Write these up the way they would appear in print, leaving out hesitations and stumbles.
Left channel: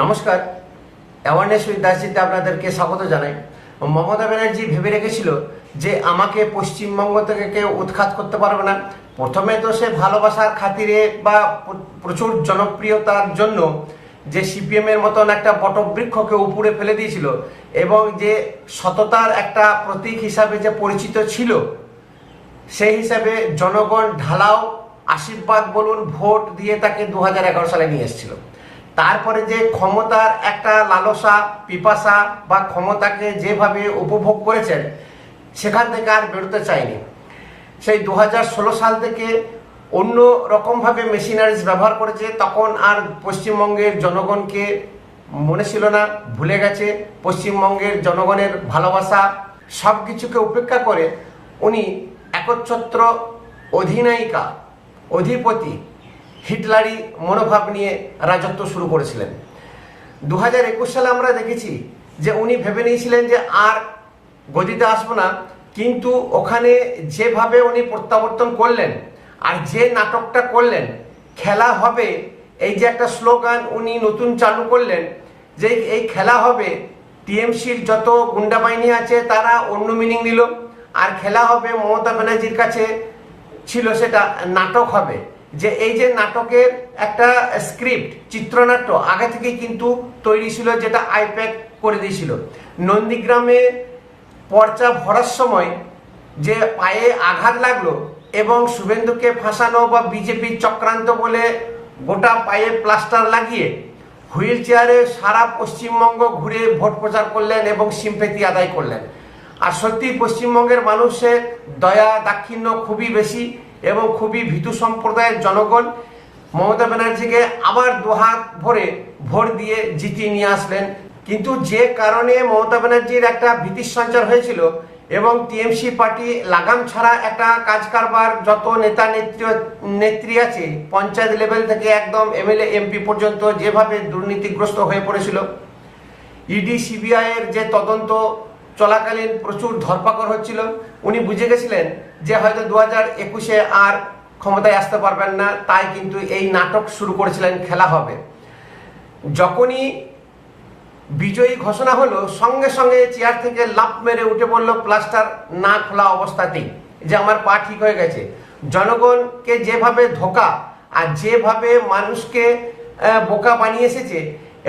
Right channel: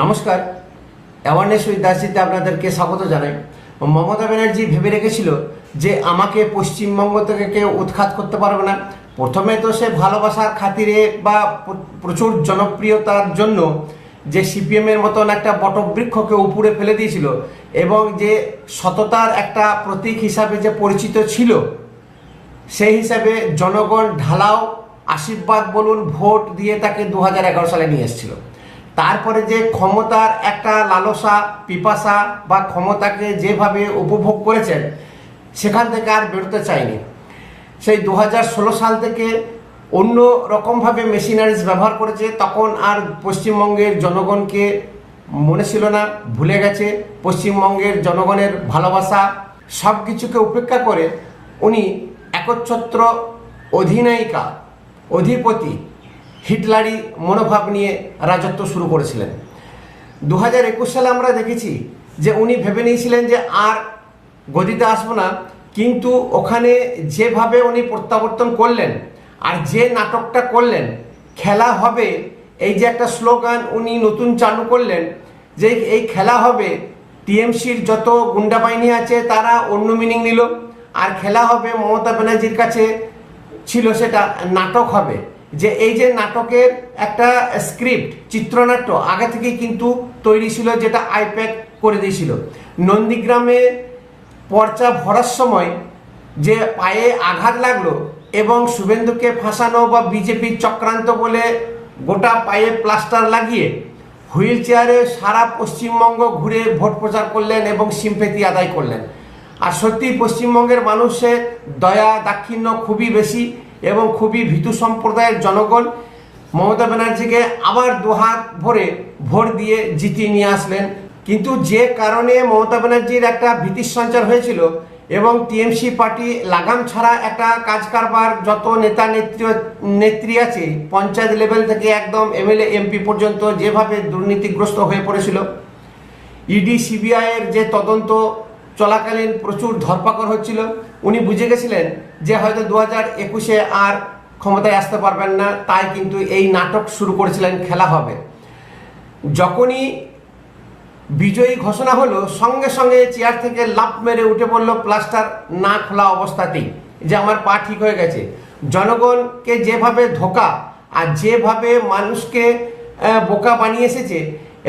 নমস্কার, awareness with দাসিতে আপনাদেরকে স্বাগত জানাই। মমতা ব্যানার্জি ভেবে রেখেছিল যে আমাকে পশ্চিমবঙ্গ থেকে কেউ উৎখাত করতে পারবে না। প্রথমে তো সে ভালোবাসার খাতিরে বা প্রচুর জনপ্রিয়তার জন্য যে সিপিএম এর মতন একটা বটবৃক্ষকে উপরে ফেলে দিয়েছিল এবং যে সততার একটা প্রতীক হিসাবে যে পরিচিত ছিল, সেই হিসাবে জনগণ ঢালাও আশীর্বাদ বলুন ভোট দিয়ে তাকে 2011 সালে নিয়ে এসেছিল। তারপরে যে ক্ষমতার একটা লালসা পিপাসা বা ক্ষমতাকে যেভাবে উপভোগ করেছেন, সেখান থেকে আর বেরোতে চায়নি। সেই 2016 সাল থেকে অন্য রকমভাবে মেশিনারিজ ব্যবহার করেছে। তখন আর পশ্চিমবঙ্গের জনগণকে মনে ছিল না, ভুলে গেছে। পশ্চিমবঙ্গের জনগণের ভালোবাসা সব কিছুকে উপেক্ষা করে উনি একচ্ছত্র অধিনায়িকা, অধিপতি, হিটলারি মনোভাব নিয়ে রাজত্ব শুরু করেছিলেন। 2021 সালে আমরা দেখেছি যে উনি ভেবে নিয়েছিলেন যে আর গদিতে আসবো না, কিন্তু ওখানে যেভাবে উনি প্রত্যাবর্তন করলেন আর যে নাটকটা করলেন, খেলা হবে, এই যে একটা স্লোগান উনি নতুন চালু করলেন যে এই খেলা হবে, টিএমসির যত গুন্ডা বাহিনী আছে তারা অন্য মিনিং নিল, আর খেলা হবে মমতা ব্যানার্জির কাছে ছিল সেটা নাটক হবে। যে এই যে নাটকের একটা স্ক্রিপ্ট, চিত্রনাট্য আগে থেকেই কিন্তু তৈরি ছিল, যেটা আইপ্যাক করে দিয়েছিল। নন্দীগ্রামে পর্চা ভরার সময় যে পায়ে আঘাত লাগলো এবং শুভেন্দুকে ফাঁসানো বা বিজেপির চক্রান্ত বলে গোটা পায়ে প্লাস্টার লাগিয়ে হুইল চেয়ারে সারা পশ্চিমবঙ্গ ঘুরে ভোট প্রচার করলেন এবং সিম্প্যাথি আদায় করলেন। আর সত্যি পশ্চিমবঙ্গের মানুষের দয়া দাক্ষিণ্য খুবই বেশি এবং খুবই ভীতু সম্প্রদায়ের জনগণ মমতা ব্যানার্জিকে আবার দুহাত ভরে ভোট দিয়ে জিতিয়ে নিয়ে আসলেন। কিন্তু যে কারণে মমতা ব্যানার্জির একটা ভীতির সঞ্চার হয়েছিল এবং টিএমসি পার্টি লাগাম ছাড়া একটা কাজ কারবার, যত নেতা নেত্রী আছে পঞ্চায়েত লেভেল থেকে একদম এমএলএ এমপি পর্যন্ত যেভাবে দুর্নীতিগ্রস্ত হয়ে পড়েছিল, ইডি সিবিআই এর যে তদন্ত চলাকালীন প্রচুর ধরপাকড় হচ্ছিল, উনি বুঝে গেছিলেন যে হয়তো 2021 আর ক্ষমতায় আসতে পারবেন না। তাই কিন্তু এই নাটক শুরু করেছিলেন, খেলা হবে। যখনই বিজয়ী ঘোষণা হলো, সঙ্গে সঙ্গে চেয়ার থেকে লাফ মেরে উঠে পড়লো প্লাস্টার না খোলা অবস্থাতেই, যে আমার পা ঠিক হয়ে গেছে। জনগণকে যেভাবে ধোকা আর যেভাবে মানুষকে বোকা বানিয়ে এসেছে,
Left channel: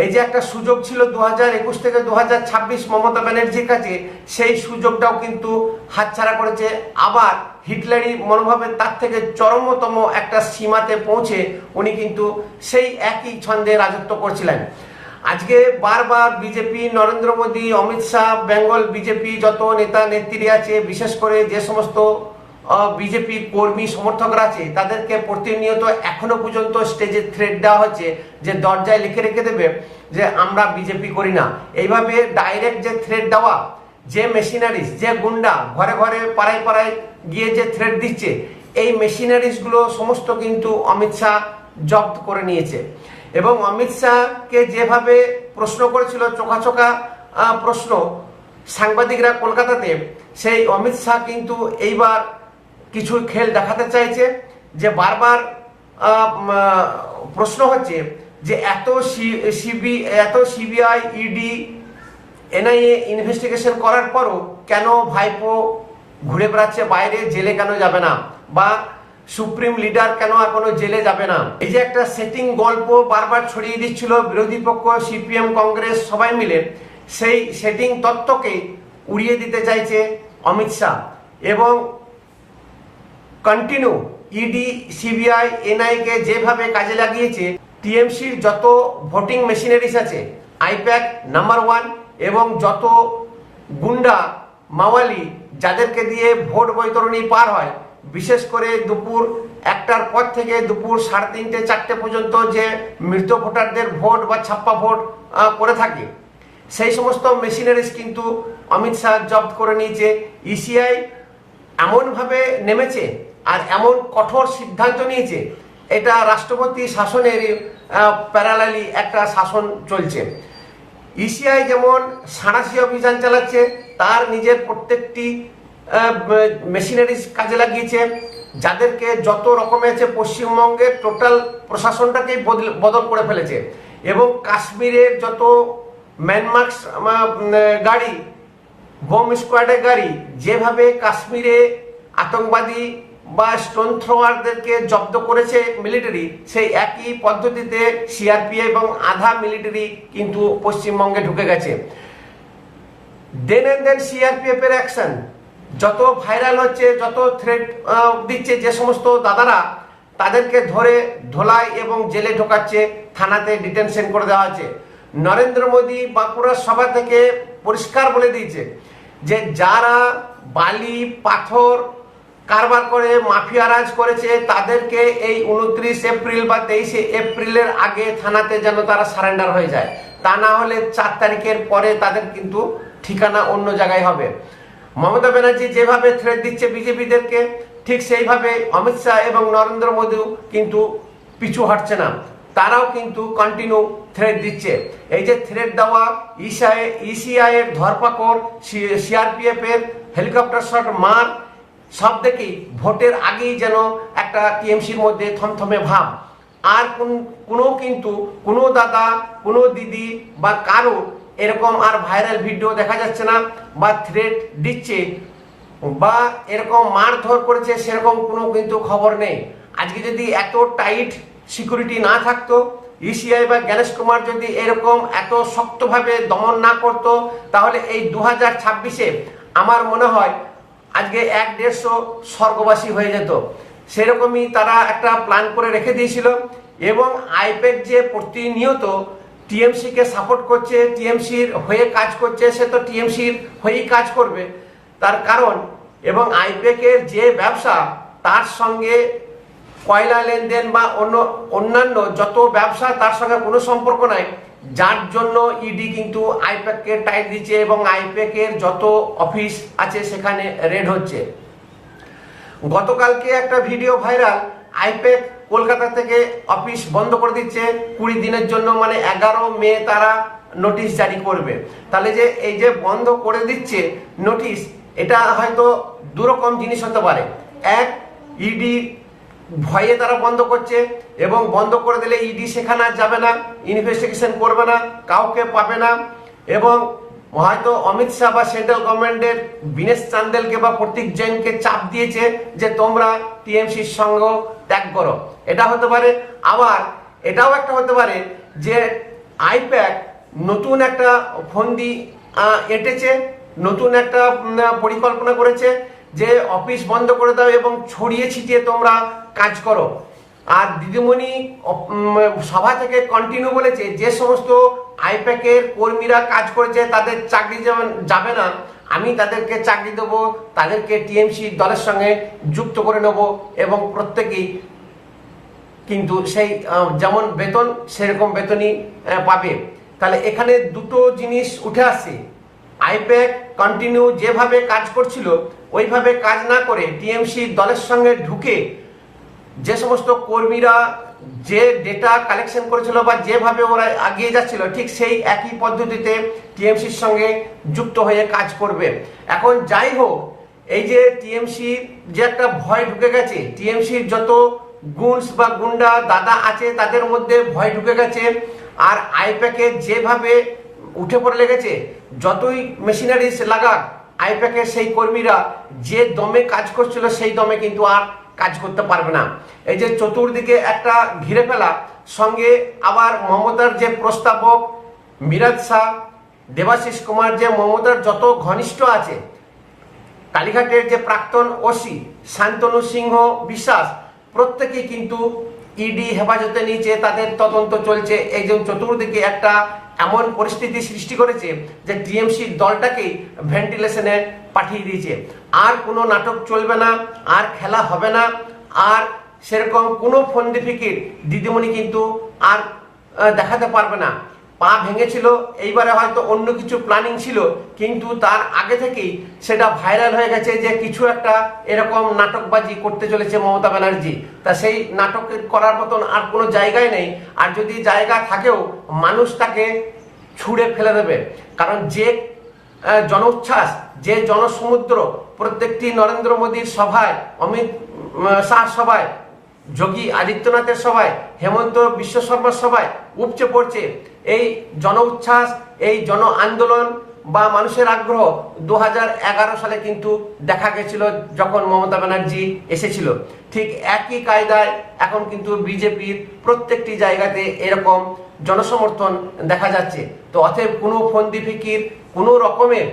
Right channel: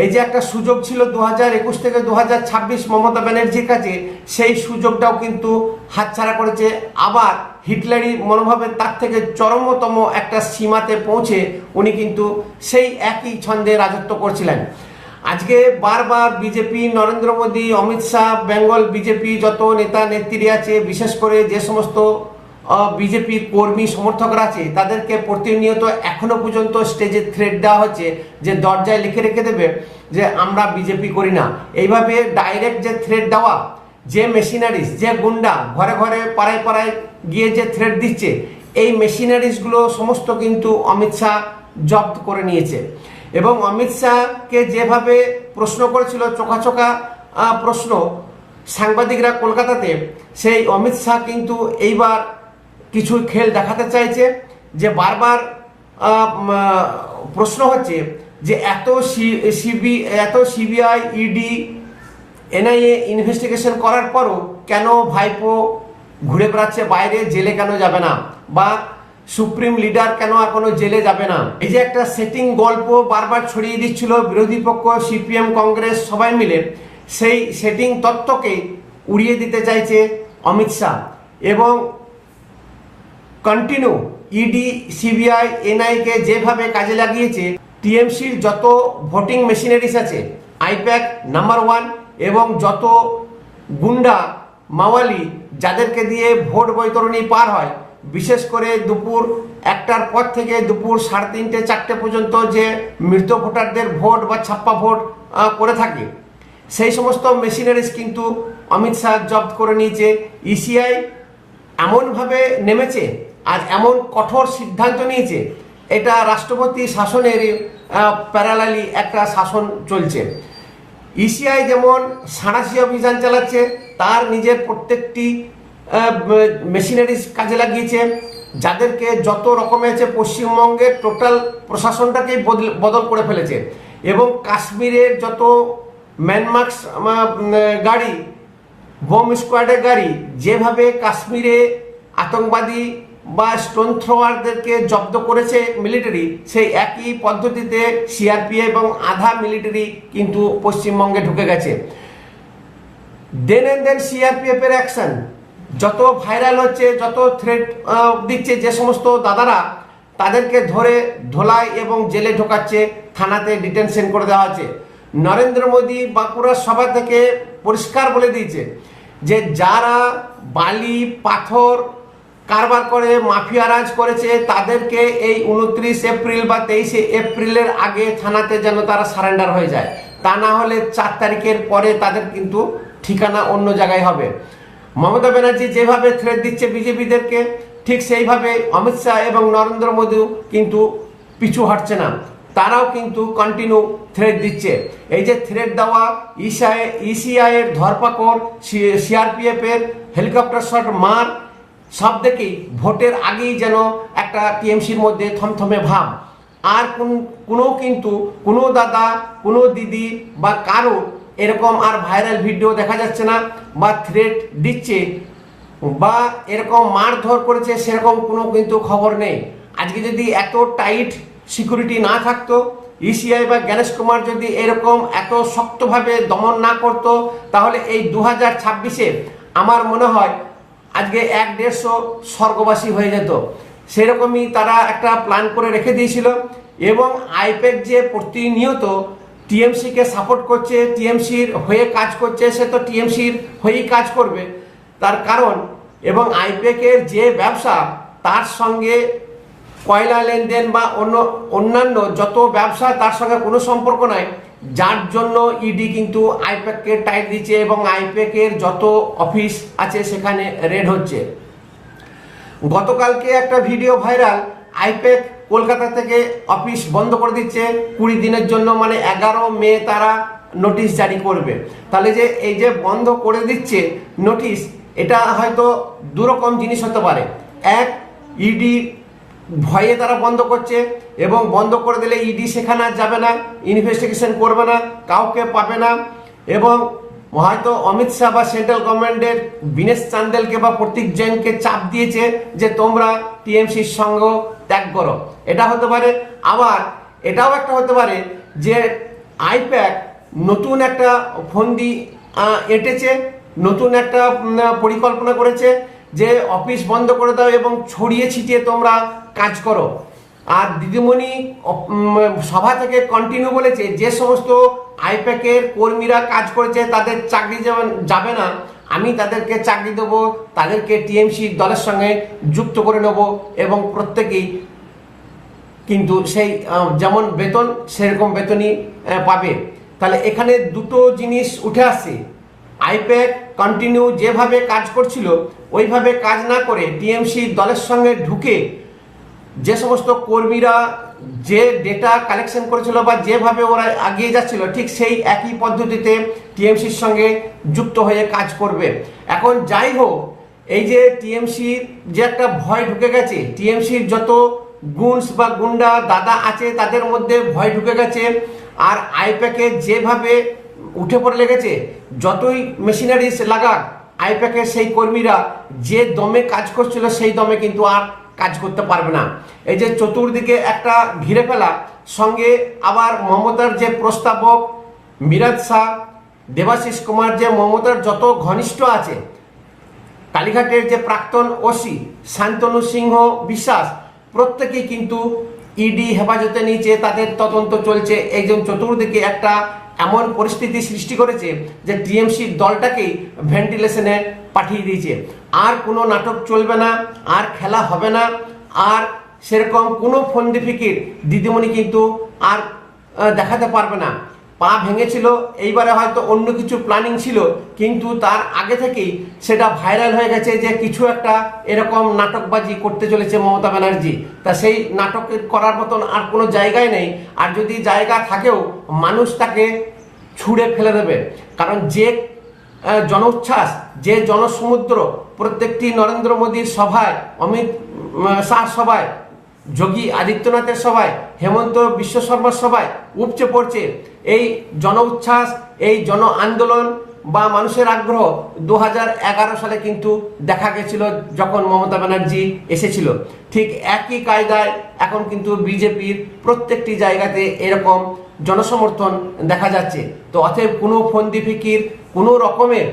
এই যে একটা সুযোগ ছিল 2021 থেকে 2026 মমতা ব্যানার্জির কাছে, সেই সুযোগটাও কিন্তু হাতছাড়া করেছে। আবার হিটলারি মনোভাবের তার থেকে চরমতম একটা সীমাতে পৌঁছে উনি কিন্তু সেই একই ছন্দে রাজত্ব করছিলেন। আজকে বারবার বিজেপি, নরেন্দ্র মোদী, অমিত শাহ, বেঙ্গল বিজেপি যত নেতা নেত্রী আছে, বিশেষ করে যে সমস্ত বিজেপি কর্মী সমর্থকরা আছে, তাদেরকে প্রতিনিয়ত এখনো পর্যন্ত স্টেজে থ্রেট দেওয়া হচ্ছে যে দরজায় লিখে রেখে দেবে যে আমরা বিজেপি করি না। এইভাবে ডাইরেক্ট যে থ্রেট দেওয়া, যে মেশিনারিজ, যে গুন্ডা ঘরে ঘরে পাড়ায় পাড়ায় গিয়ে যে থ্রেট দিচ্ছে, এই মেশিনারিজগুলো সমস্ত কিন্তু অমিত শাহ জব্দ করে নিয়েছে। এবং অমিত শাহকে যেভাবে প্রশ্ন করেছিল, চোখা প্রশ্ন সাংবাদিকরা কলকাতাতে, সেই অমিত শাহ কিন্তু এইবার কিছু খেল দেখাতে চাইছে। যে বারবার প্রশ্ন হচ্ছে যে এত সিবিআই, ইডি, এনআইএ ইনভেস্টিগেশন করার পরও কেন ভাইপো ঘুরে বেড়াচ্ছে বাইরে, জেলে কেন যাবে না, বা সুপ্রিম লিডার কেন এখনো জেলে যাবে না। এই যে একটা সেটিং গল্প বারবার ছড়িয়ে দিচ্ছিল বিরোধী পক্ষ, সিপিএম, কংগ্রেস সবাই মিলে, সেই সেটিং তত্ত্বকে উড়িয়ে দিতে চাইছে অমিত শাহ। এবং কন্টিনিউ ইডি, সিবিআই, এনআইকে যেভাবে কাজে লাগিয়েছে, টিএমসির যত ভোটিং মেশিনারিজ আছে, আইপ্যাক নাম্বার 1, এবং যত গুন্ডা মাওয়ালি যাদেরকে দিয়ে ভোট বৈতরণী পার হয়, বিশেষ করে দুপুর 1টার পর থেকে দুপুর 3:30, 4টে পর্যন্ত যে মৃত ভোটারদের ভোট বা ছাপ্পা ভোট করে থাকে, সেই সমস্ত মেশিনারিজ কিন্তু অমিত শাহ জব্দ করে নিয়েছে। ইসিআই এমনভাবে নেমেছে আর এমন কঠোর সিদ্ধান্ত নিয়েছে, এটা রাষ্ট্রপতি শাসনের প্যারালালি একটা শাসন চলছে। ইসিআই যেমন সাঁড়াশি অভিযান চালাচ্ছে, তার নিজের প্রত্যেকটি মেশিনারিজ কাজে লাগিয়েছে, যাদেরকে যত রকমের আছে পশ্চিমবঙ্গের টোটাল প্রশাসনটাকেই বদল করে ফেলেছে। এবং কাশ্মীরের যত ম্যানমার্কস গাড়ি, বোম স্কোয়াডের গাড়ি যেভাবে কাশ্মীরে আতঙ্কবাদী বা স্টোন থ্রোয়ারদেরকে জব্দ করেছে মিলিটারি, সেই একই পদ্ধতিতে সিআরপিএফ এবং আধা মিলিটারি কিন্তু পশ্চিমবঙ্গে ঢুকে গেছে। দেন এন্ড দেন সিআরপিএফ এর অ্যাকশন যত ভাইরাল হচ্ছে, যত থ্রেট দিচ্ছে যে সমস্ত দাদারা, তাদেরকে ধরে ধোলাই এবং জেলে ঢোকাচ্ছে, থানাতে ডিটেনশন করে দেওয়া হচ্ছে। নরেন্দ্র মোদী বাঁকুড়ার সভা থেকে পরিষ্কার বলে দিয়েছে যে যারা বালি পাথর কারবার করে মাফিয়ারাজ করেছে তাদেরকে এই 29 এপ্রিল বা 23 এপ্রিলের আগে থানাতে যেন তারা সারেন্ডার হয়ে যায়, তা না হলে 4 তারিখের পরে তাদের কিন্তু ঠিকানা অন্য জায়গায় হবে। মমতা ব্যানার্জি যেভাবে থ্রেট দিচ্ছে বিজেপিদেরকে, ঠিক সেইভাবে অমিত শাহ এবং নরেন্দ্র মোদীও কিন্তু পিছু হটছে না, তারাও কিন্তু কন্টিনিউ থ্রেট দিচ্ছে। এই যে থ্রেট দেওয়া, ইসিআই এর ধরপাকড়, সিআরপিএফ এর হেলিকপ্টার শট মার, সব দেখেই ভোটের আগেই যেন একটা টিএমসির মধ্যে থমথমে ভাব। আর কোনো দাদা, কোনো দিদি বা কারো এরকম আর ভাইরাল ভিডিও দেখা যাচ্ছে না, বা থ্রেট দিচ্ছে বা এরকম মারধর করেছে সেরকম কোনো কিন্তু খবর নেই। আজকে যদি এত টাইট সিকিউরিটি না থাকতো, ইসিআই বা গণেশ কুমার যদি এরকম এত শক্তভাবে দমন না করতো, তাহলে এই 2026-এ আমার মনে হয় আজকে 150 স্বর্গবাসী হয়ে যেত। সেরকমই তারা একটা প্ল্যান করে রেখে দিয়েছিল। এবং আইপ্যাক যে প্রতিনিয়ত টিএমসি কে সাপোর্ট করছে, টিএমসির হয়ে কাজ করছে, সে তো টিএমসির হয়েই কাজ করবে, তার কারণ এবং আইপ্যাকের যে ব্যবসা, তার সঙ্গে কয়লা লেনদেন বা অন্যান্য যত ব্যবসা, তার সঙ্গে কোনো সম্পর্ক নাই, যার জন্য ইডি কিন্তু আইপ্যাককে টাইট দিচ্ছে এবং আইপ্যাকের যত অফিস আছে সেখানে রেড হচ্ছে। গতকালকে একটা ভিডিও ভাইরাল, আইপ্যাক কলকাতা থেকে অফিস বন্ধ করে দিচ্ছে 20 দিনের জন্য, মানে 11 মে তারা নোটিশ জারি করবে। তাহলে যে এই যে বন্ধ করে দিচ্ছে নোটিশ, এটা হয়তো দুরকম জিনিস হতে পারে। এক, ইডি ভয়ে তারা বন্ধ করছে, এবং বন্ধ করে দিলে ইডি সেখানে আর যাবে না, ইনভেস্টিগেশন করবে না, কাউকে পাবে না, এবং হয়তো অমিত শাহ বা সেন্ট্রাল গভর্নমেন্টের বিনেশ চান্দেলকে বা প্রতীক জৈনকে চাপ দিয়েছে যে তোমরা টিএমসির সঙ্গ ত্যাগ করো, এটা হতে পারে। আবার এটাও একটা হতে পারে যে আইপ্যাক নতুন একটা ফন্দি এঁটেছে, নতুন একটা পরিকল্পনা করেছে যে অফিস বন্ধ করে দাও এবং ছড়িয়ে ছিটিয়ে তোমরা কাজ করো। আর দিদিমণি সভা থেকে কন্টিনিউ বলেছে যে সমস্ত আইপ্যাকের কর্মীরা কাজ করেছে তাদের চাকরি যাবে না, আমি তাদেরকে চাকরি দেবো, তাদেরকে টিএমসি দলের সঙ্গে যুক্ত করে নেব, এবং প্রত্যেকেই কিন্তু সেই যেমন বেতন সেরকম বেতনই পাবে। তাহলে এখানে দুটো জিনিস উঠে আসছে, আইপ্যাক কন্টিনিউ যেভাবে কাজ করছিল ওইভাবে কাজ না করে টিএমসি দলের সঙ্গে ঢুকে যে সমস্ত কর্মীরা যে ডেটা কালেকশন করেছিল বা যেভাবে ওরা এগিয়ে যাচ্ছিল, ঠিক সেই একই পদ্ধতিতে টিএমসির সঙ্গে যুক্ত হয়ে কাজ করবে। এখন যাই হোক, এই যে টিএমসির যে একটা ভয় ঢুকে গেছে, টিএমসির যত গুন্স বা গুন্ডা দাদা আছে তাদের মধ্যে ভয় ঢুকে গেছে, আর আইপ্যাকে যেভাবে উঠে পড়ে লেগেছে, যতই মেশিনারিজ লাগাক, আইপ্যাকের সেই কর্মীরা যে দমে কাজ করছিল সেই দমে কিন্তু আর কাজ করতে পারবে না। এই যে চতুর্দিকে একটা ঘিরে ফেলা, সঙ্গে আবার মমতার যে প্রস্তাবক মিরাজ শাহ, দেবাশিস কুমার, যে মমতার যত ঘনিষ্ঠ আছে, কালীঘাটের যে প্রাক্তন ওসি শান্তনু সিংহ বিশ্বাস, প্রত্যেকেই কিন্তু ইডি হেফাজতে নিচে, তাদের তদন্ত চলছে। একজন চতুর্দিকে একটা এমন পরিস্থিতি সৃষ্টি করেছে যে টিএমসি দলটাকেই ভেন্টিলেশনে পাঠিয়ে দিয়েছে। আর কোনো নাটক চলবে না, আর খেলা হবে না, আর সেরকম কোনো ফন্দি ফিকির দিদিমণি কিন্তু আর দেখাতে পারবে না। পা ভেঙেছিল, এইবারে হয়তো অন্য কিছু প্ল্যানিং ছিল, কিন্তু তার আগে থেকেই সেটা ভাইরাল হয়ে গেছে যে কিছু একটা এরকম নাটকবাজি করতে চলেছে মমতা ব্যানার্জি। তা সেই নাটক করার মতন আর কোনো জায়গায় নেই, আর যদি জায়গা থাকেও মানুষ তাকে ছুঁড়ে ফেলে দেবে। কারণ যে জনোচ্ছ্বাস, যে জনসমুদ্র প্রত্যেকটি নরেন্দ্র মোদীর সভায়, অমিত শাহ সভায় যোগী আদিত্যনাথের সভায়, হেমন্ত বিশ্ব শর্মার সভায় উপচে পড়ছে এই জন উচ্ছ্বাস, এই জন আন্দোলন বা মানুষের আগ্রহ 2011 সালে কিন্তু দেখা গেছিল যখন মমতা ব্যানার্জি এসেছিল। ঠিক একই কায়দায় এখন কিন্তু বিজেপির প্রত্যেকটি জায়গাতে এরকম জনসমর্থন দেখা যাচ্ছে। তো অতএব কোনো ফন্দি ফিকির, কোনো রকমের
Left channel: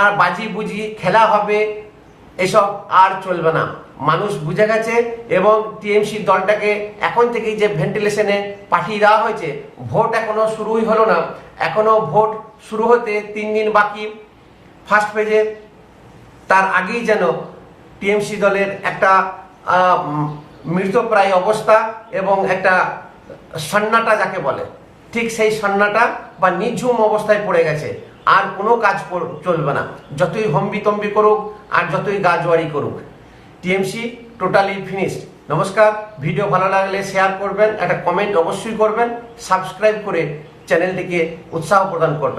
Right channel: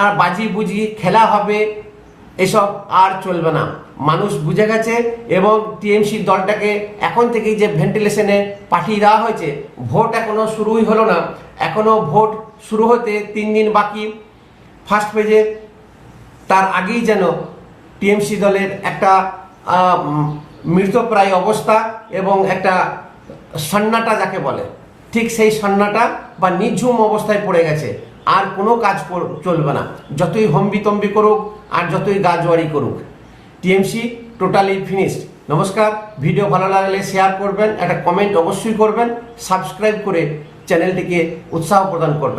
আর বাজি বুঝি খেলা হবে এসব আর চলবে না। মানুষ বুঝে গেছে এবং টিএমসি দলটাকে এখন থেকেই যে ভেন্টিলেশনে পাঠিয়ে দেওয়া হয়েছে, ভোট এখনো শুরুই হলো না, এখনো ভোট শুরু হতে 3 দিন বাকি ফার্স্ট পেজে, তার আগেই যেন টিএমসি দলের একটা মৃতপ্রায় অবস্থা এবং একটা সন্নাটা যাকে বলে, ঠিক সেই সন্নাটা বা নিঝুম অবস্থায় পড়ে গেছে। আর কোনো কাজ চলবে না, যতই হম্বিতম্বি করুক আর যতই গাজোয়ারি করুক, টিএমসি টোটালি ফিনিশড। নমস্কার, ভিডিও ভালো লাগলে শেয়ার করবেন, একটা কমেন্ট অবশ্যই করবেন, সাবস্ক্রাইব করে চ্যানেলটিকে উৎসাহ প্রদান করবেন।